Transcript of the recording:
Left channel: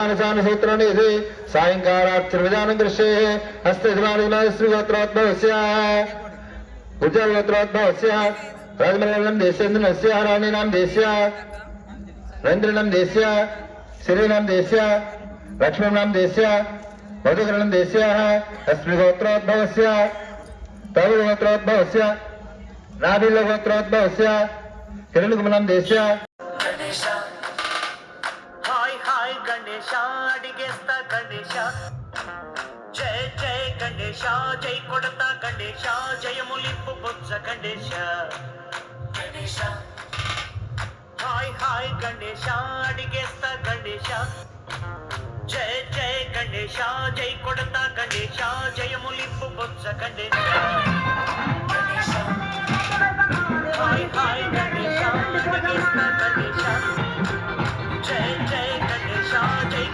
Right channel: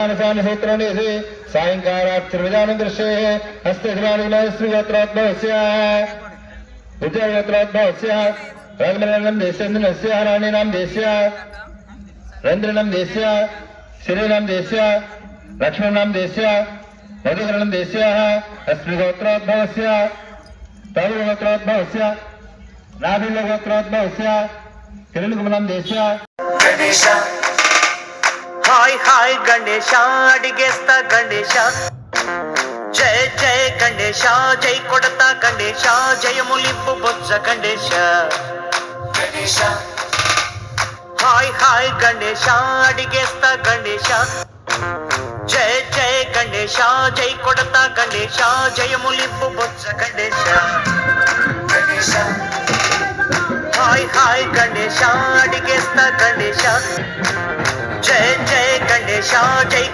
सूत्राणि सायंकालाक्षरविधानं कृष्ये हस्ते श्रीगोत्रोद्भवस्य उज्जवलगोत्रोद्भवस्य राजमरणं देशेन्द्रनस्य राणीनां देश्य रवीन्द्रनां देश्य श्रीनां देश्य लक्ष्मणां देश्य मधुकरणं देश्य अस्मिगोत्रोद्भवस्य तरुणगोत्रोद्भवस्य नाभिलगोत्रोद्भवस्य किरणकुमलं देश्य हाय हाय गणेश अडिगेस्ता गणेश जय जय गणेश जय कोडता गणेश जय मुलिंपु बोच्च गणेश गणेश हाय हाय गणेश अडिगेस्ता गणेश जय जय गणेश जय कोडता गणेश जय मुलिंपु बोच्च गणेश गणेश हाय हाय गणेश अडिगेस्ता गणेश जय जय गणेश जय